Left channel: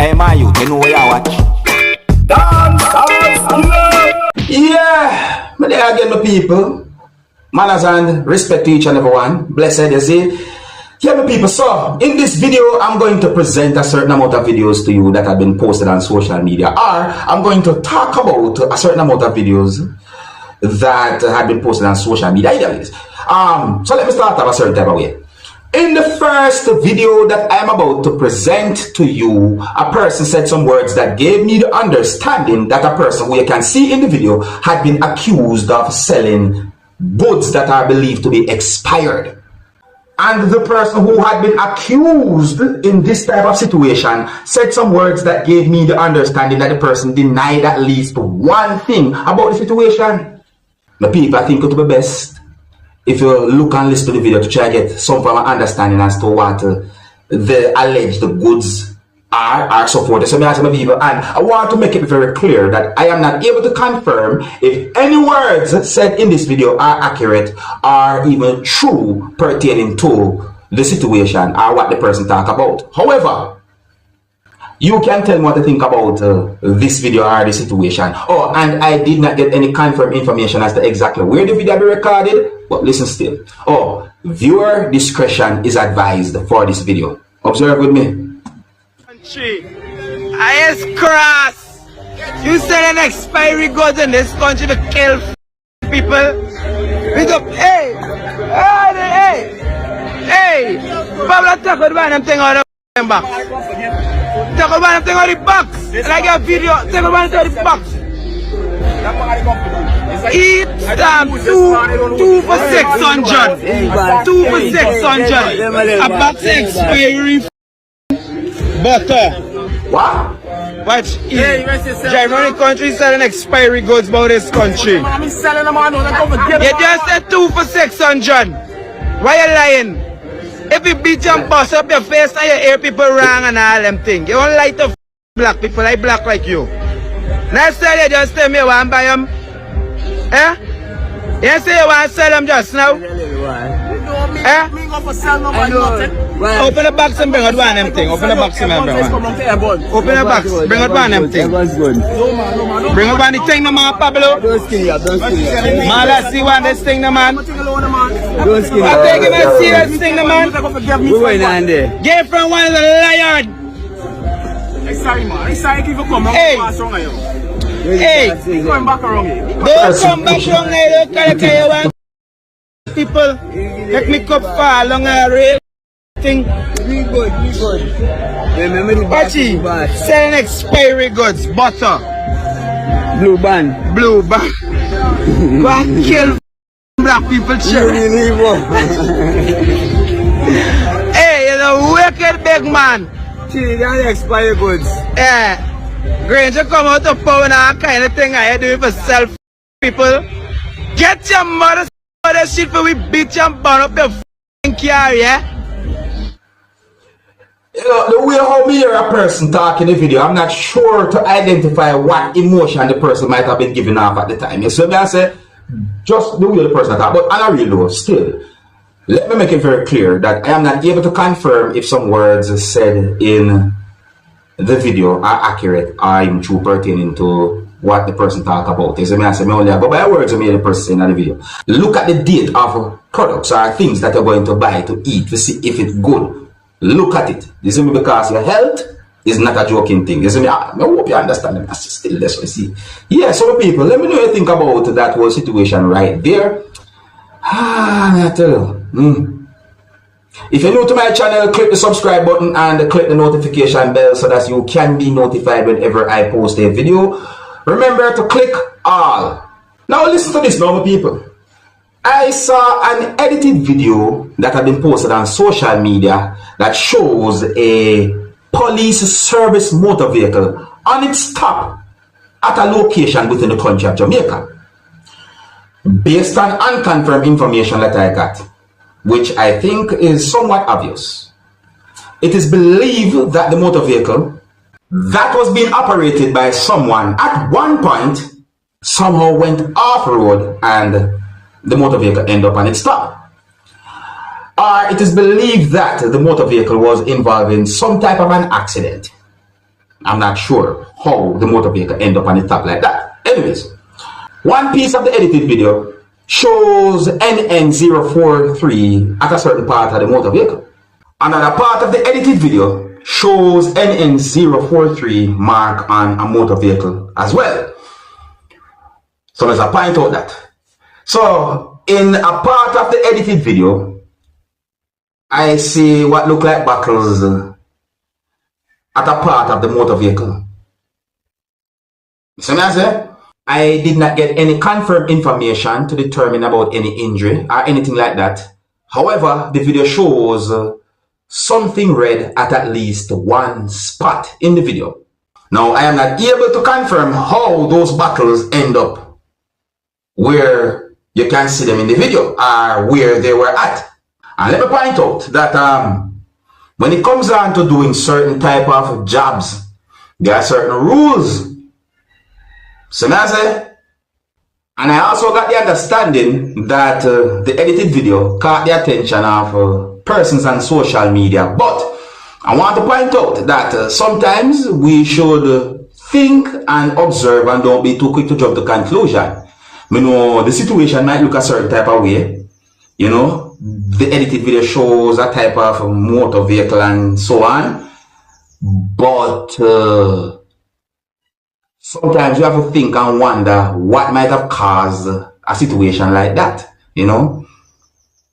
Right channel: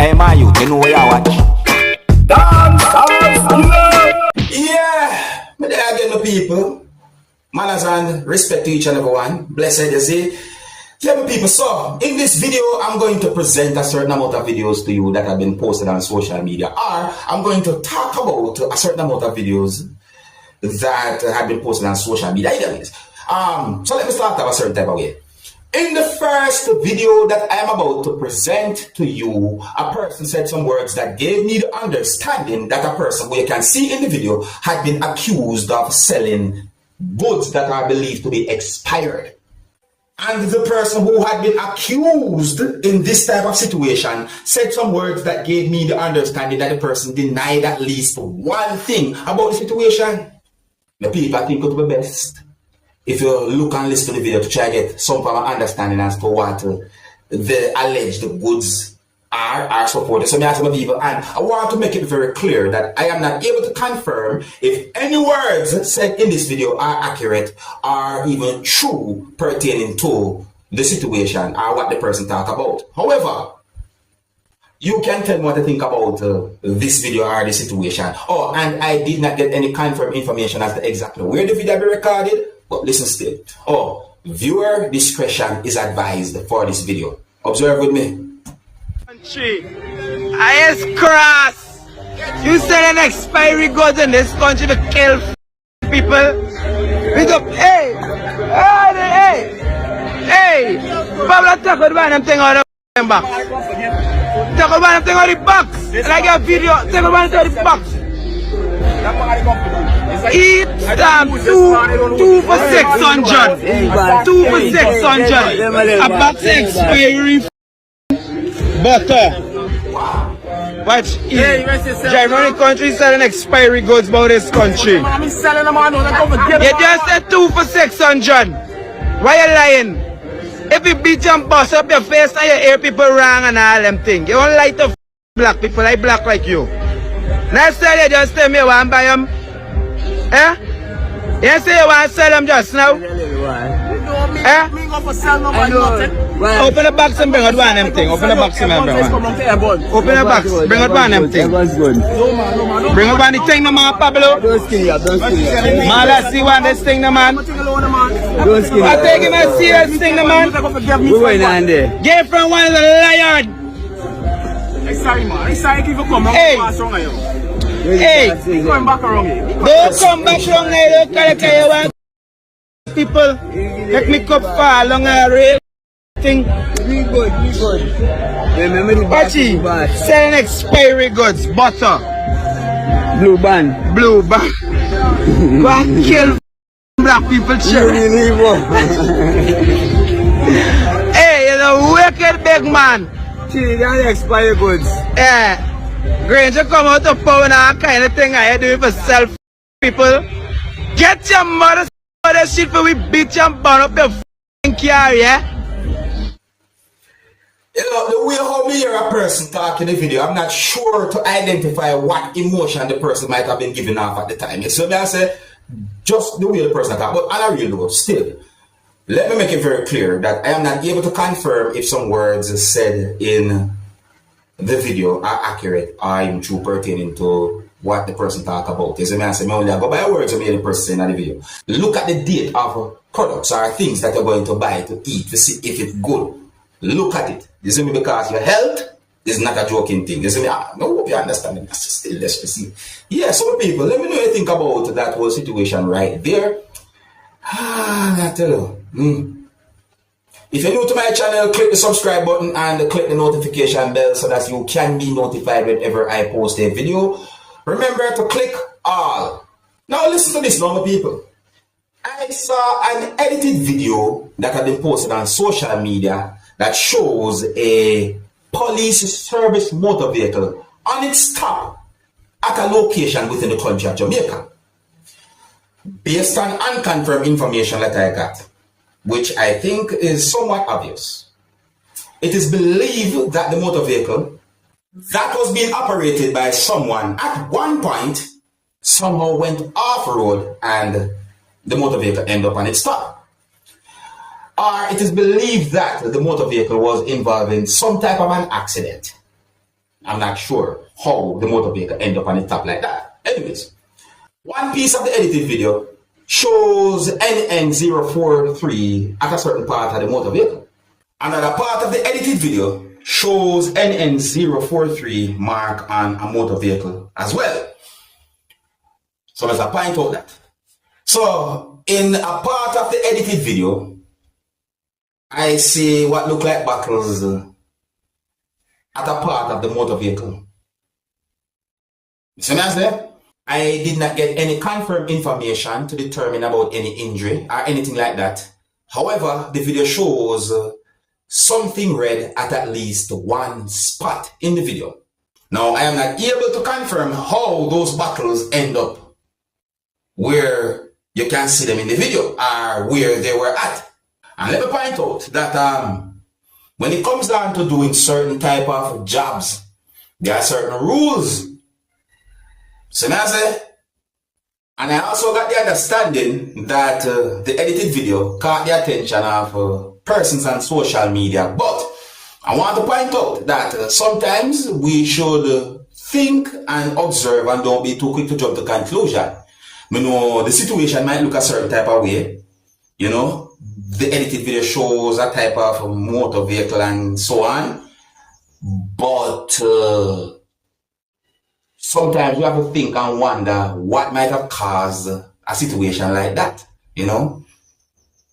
Hey, my youth, you know where you watch? Dancehall skilla! Yeah! But there again, my people. Manners and respect to each and every one. Blessed, you see. Yeah, my people. So, in this video, I'm going to present a certain amount of videos to you that have been posted on social media. Or, I'm going to talk about a certain amount of videos that have been posted on social media. So let me start off a certain type of way. In the first video that I am about to present to you, a person said some words that gave me the understanding that a person who you can see in the video had been accused of selling goods that are believed to be expired. And the person who had been accused in this type of situation said some words that gave me the understanding that the person denied at least one thing about the situation. The people, I think it would be best if you look and listen to the video to try to get some form of understanding as to what the alleged goods are supported. So, I ask my people, and I want to make it very clear that I am not able to confirm if any words said in this video are accurate or even true pertaining to the situation or what the person talk about. However, you can tell me what to think about this video or the situation. Oh, and I did not get any confirmed information as to exactly where the video be recorded. But listen still. Oh, viewer discretion is advised for this video. Observe with me. Country, I cross. You said an expiry goods in this country to kill people. Big up, hey, Pablo, talk about them thing on the box. Talk about them thing on the box. Like a video, talk about them the box. Eat them 2 for 600. 2 for 600. A box expiry butter. Wow. Watch. Germany country selling expiry goods about this country. You just said 2 for 600. Why you lying? If you beat and bust up your face and you hear people wrong and all them things. You don't like to black people, I black like you. Next time you just tell me you want to buy them. Eh? You say you want to sell them just now? Eh? Open the box and bring out one of them thing. Open the box and bring out one. Open the box, bring out one of them thing. Bring out one of the thing, no man, Pablo. Man, let's see one of this thing, no man. I take him a serious thing, no man. We went on there. Get from one of the lion. Sorry, man. Sorry if you come on. Hey, Come back around here. don't come back wrong now. Don't carry one. People, let me cup fall along a rail thing. We good. Remember the Watch it. Selling expiry goods, butter. Blue band. Blue band. Go and kill black people, children. Hey, you know, wicked big man. Trinidad expired goods. Yeah. Granger come out of power and all kind of thing I do for self people. Get your mother shit for we beat you and burn up your f***ing car, yeah? You know, the way how me hear a person talk in the video, I'm not sure to identify what emotion the person might have been giving off at the time. You see me? I say, just the way the person talk. But on a real though, still, let me make it very clear that I am not able to confirm if some words said in the video are accurate or even true pertaining to what the person talk about. You see me? I say, me only go by words me the person in the video. Look at the date of products or things that you're going to buy to eat to see if it's good. Look at it. You see me? Because your health is not a joking thing. You see me? I hope you understand. I still let's see. Yeah, so people, let me know what you think about that whole situation right there. I tell you. If you're new to my channel, click the subscribe button and click the notification bell so that you can be notified whenever I post a video. Remember to click all. Now listen to this, normal people. I saw an edited video that had been posted on social media that shows a police service motor vehicle on its top at a location within the country of Jamaica. Based on unconfirmed information that I got, which I think is somewhat obvious, it is believed that the motor vehicle that was being operated by someone at one point somehow went off-road and the motor vehicle ended up on its top. Or it is believed that the motor vehicle was involved in some type of an accident. I'm not sure how the motor vehicle end up on the top like that. Anyways, one piece of the edited video shows NN043 at a certain part of the motor vehicle. Another part of the edited video shows NN043 mark on a motor vehicle as well. So let's point out that. So in a part of the edited video, I see what look like buckles at a part of the motor vehicle. So I did not get any confirmed information to determine about any injury or anything like that. However, the video shows something red at least one spot in the video. Now, I am not able to confirm how those buckles end up where you can see them in the video or where they were at. And let me point out that when it comes down to doing certain type of jobs, there are certain rules. So now and I also got the understanding that the edited video caught the attention of persons on social media. But I want to point out that sometimes we should think and observe and don't be too quick to jump to conclusion. You know, the situation might look a certain type of way. You know, the edited video shows a type of motor vehicle and so on. But sometimes you have to think and wonder what might have caused a situation like that, you know.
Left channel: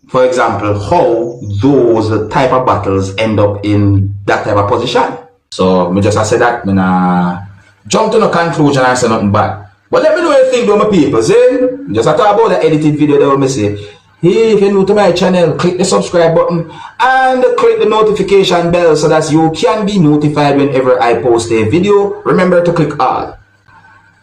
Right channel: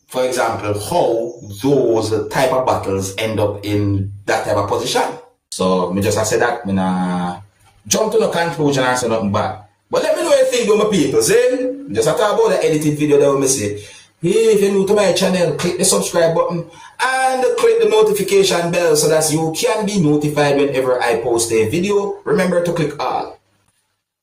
For example, how those type of battles end up in that type of position. So, me just say that, me nah jump to no conclusion and say nothing bad. But let me know what you think about my people, see? Just talk about the edited video that we say. Hey, if you're new to my channel, click the subscribe button and click the notification bell so that you can be notified whenever I post a video. Remember to click all.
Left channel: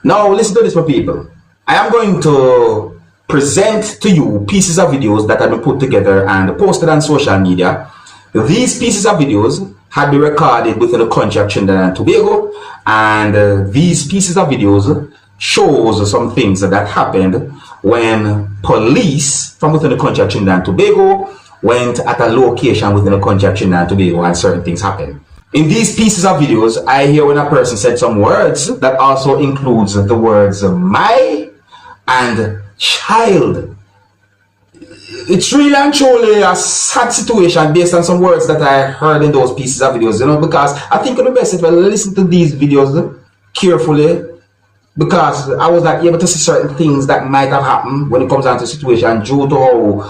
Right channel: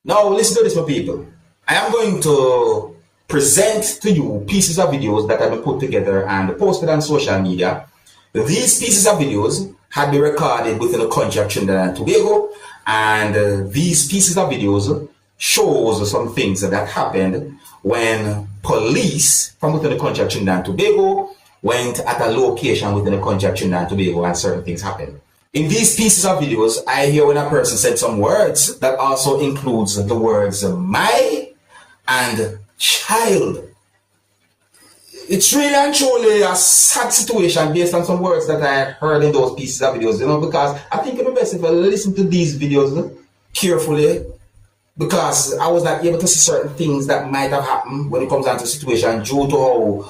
Now, listen to this, my people. I am going to present to you pieces of videos that have been put together and posted on social media. These pieces of videos have been recorded within the country of Trinidad and Tobago, and these pieces of videos shows some things that happened when police from within the country of Trinidad and Tobago went at a location within the country of Trinidad and Tobago and certain things happened. In these pieces of videos, I hear when a person said some words that also includes the words my and child. It's really and truly a sad situation based on some words that I heard in those pieces of videos, you know, because I think it's the best if I listen to these videos carefully, because I was not able to see certain things that might have happened when it comes down to situation due to how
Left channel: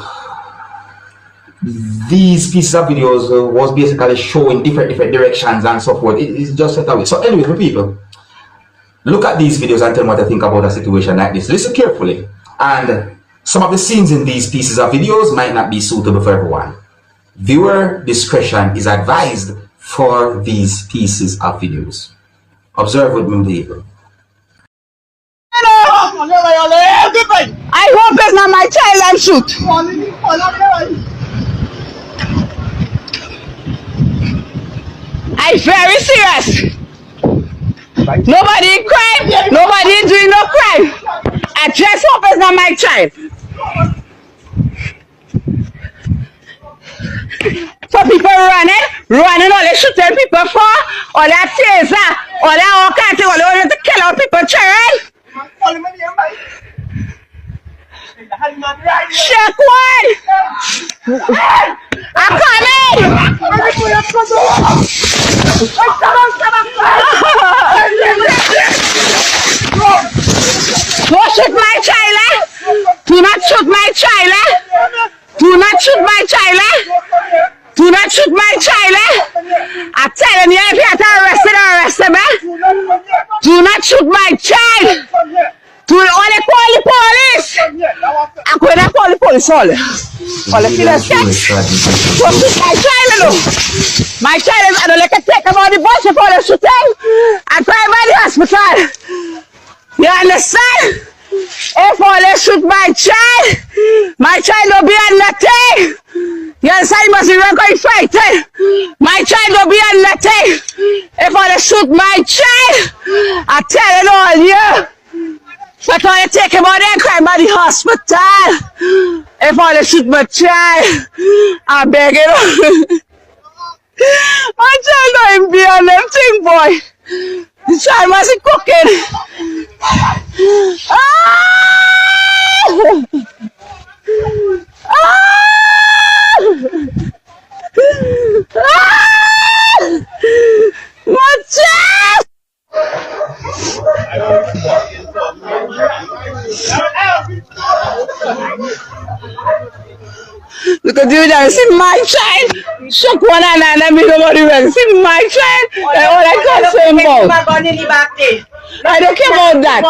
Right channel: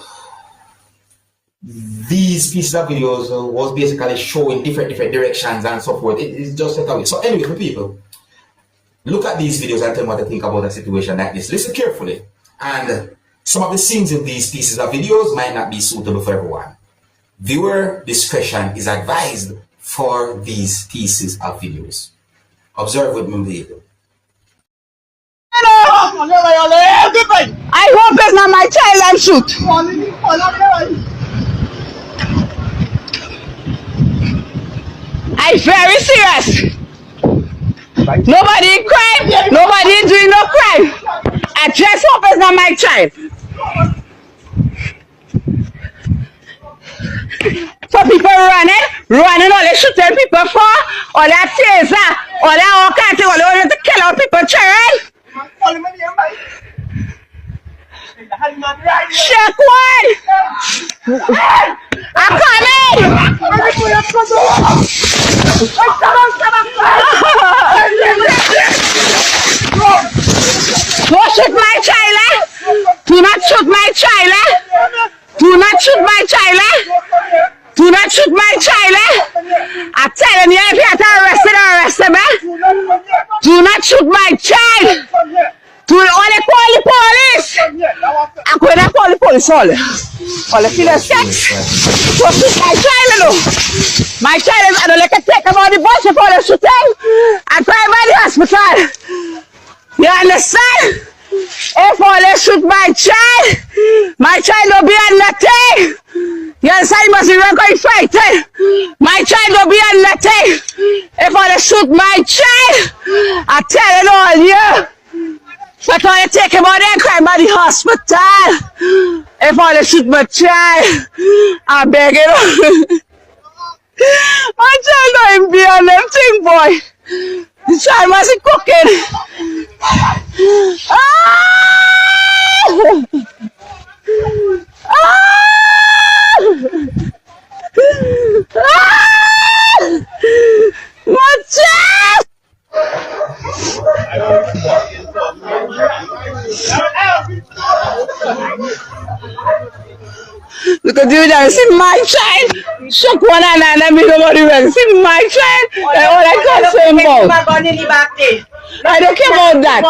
these pieces of videos was basically showing different directions and so forth. It's just that way. So anyway, for people, look at these videos and tell me what I think about a situation like this. Listen carefully. And some of the scenes in these pieces of videos might not be suitable for everyone. Viewer discretion is advised for these pieces of videos. Observe with me, people. I hope it's not my child I'm shoot. I'm very serious. Nobody crime, nobody doing no crime. I just hope it's not my child. So people running, all they shooting people for, all that taser, all that all kinds of, all they want to kill all people children. Check one! I'm coming! Don't shoot my child, eh? Do not shoot my child, eh? Do not shoot my child, eh? Do not shoot my child, eh? I'm telling you, if you have to arrest him, eh? Do not shoot my child! Do only call the police! I'm going to call the police all the killers sex. So shoot my child, you know. My child is, I don't like to take him on the bus before they shoot him and drive by the hospital. You understand? If all they shoot my child don't be on nothing. You understand? You must be going fighting. My child don't be on nothing. If all they shoot my child, I tell it all, yeah. But when they take him out there and crime by the hospital, if I shoot my child, I beg it. My child don't be on them thing, boy. The child must be cooking. Ah! Ah! Ah! My child! Look at you there, see my child. Shook one and let me know what you want. See my child. That's all I concern about. I don't care about that.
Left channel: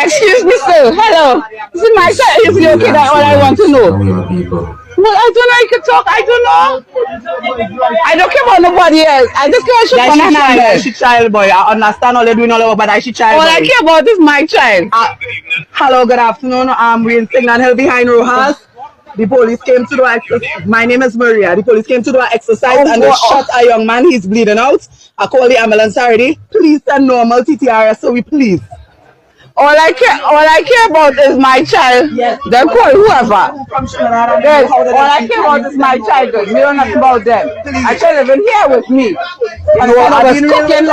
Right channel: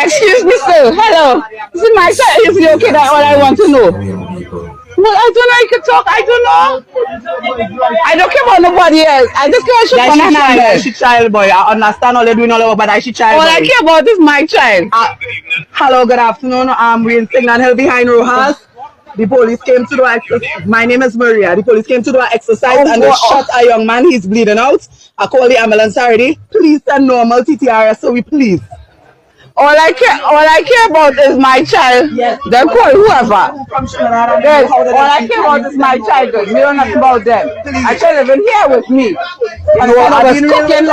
Excuse me, sir. Hello. See my child. Is he okay? That's all I want to know. Well, I don't know. I can talk. I don't know. I don't care about nobody else. I just care about shook one and She child boy. I understand all they doing all over, but I she child all boy. I care about is my child. Hello, good afternoon. I'm Wayne Signal Hill behind Rojas. The police came to do my name is Maria. The police came to do an exercise and they shot a young man. He's bleeding out. I called the ambulance already. Please send normal TTRS, so we please. All I care about is my child. Yes. Then call whoever. Yes. All All I care about is my child. You don't know nothing about them. I child living here with me. You know, I was cooking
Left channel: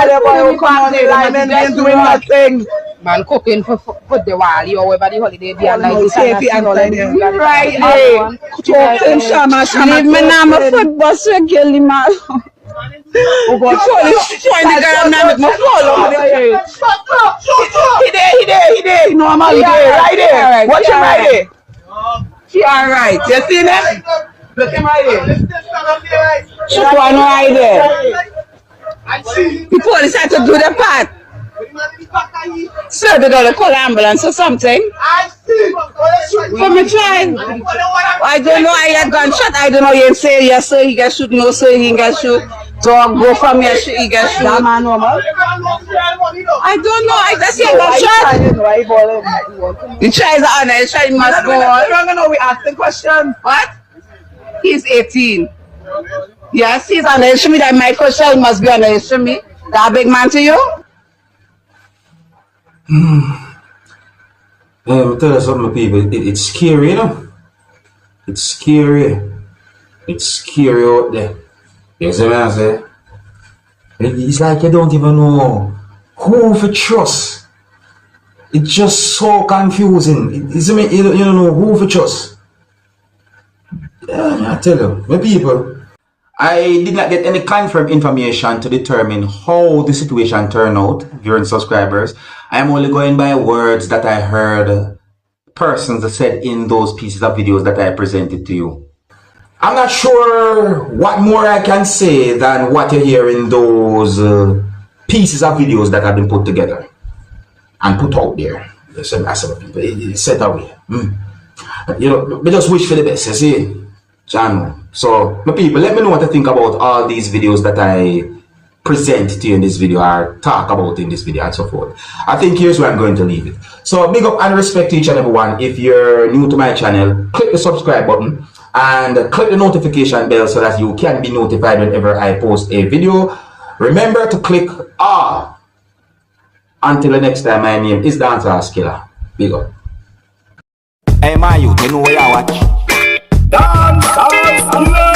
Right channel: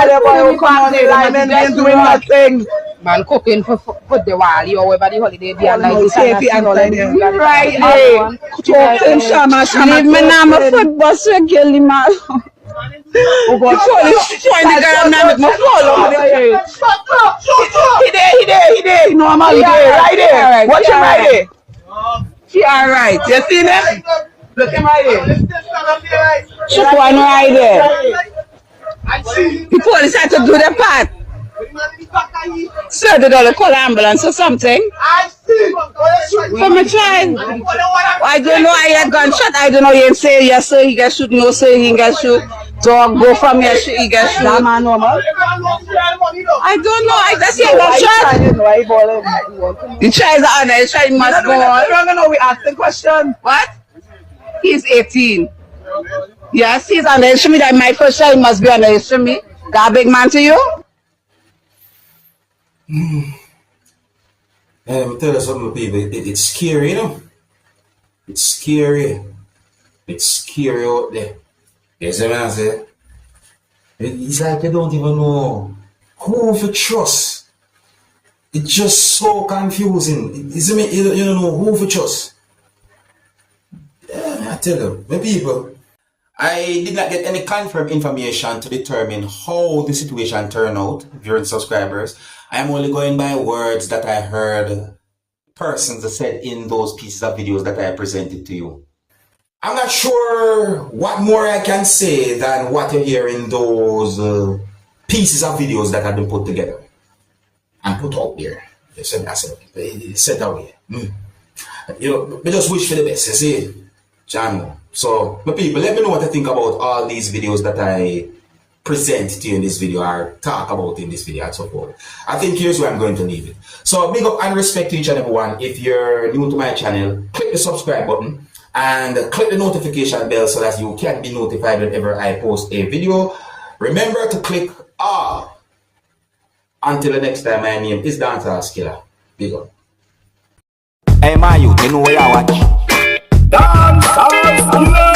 doing nothing. Man cooking for the Wali or whatever the holiday be and like this Right there. Talking shama. Leave me now, my foot bus regularly, man. Oh God, Join the girl now with my phone over there. He there. Normal, he there, right there. Watch him right there. She alright. You see him? Look him right there. She one right there. The police had to do their part. Sir, they don't call ambulance or something. For my child. I don't know, I had gunshot. I don't know, you say yes sir, he get shoot, no sir, he get shoot. Dog go from here, he get shoot. That man normal. I don't know, I just hear gunshot. The child is on the child must go on. I don't know, we asked the question. What? He's 18. Yes, he's on the instrument. That my first child must be on the instrument. That big man to you? Tell you something, people. It's scary, you know. It's scary. It's scary out there. You see what I say? It's like you don't even know who to trust. It's just so confusing. You don't know who to trust. Yeah, I tell you, my people. I did not get any confirmed information to determine how the situation turned out, viewing subscribers. I am only going by words that I heard persons said in those pieces of videos that I presented to you. I'm not sure what more I can say than what you hear in those pieces of videos that have been put together and put out there. It's set away. You know, we just wish for the best, you see, channel. So, my people, let me know what you think about all these videos that I present to you in this video or talk about in this video and so forth. I think here's where I'm going to leave it. So, big up and respect to each and every one. If you're new to my channel, click the subscribe button and click the notification bell so that you can be notified whenever I post a video. Remember to click all. Until the next time, my name is Dancehall Skilla. Big up. Hey, my youth, you know where I watch. Dancehall.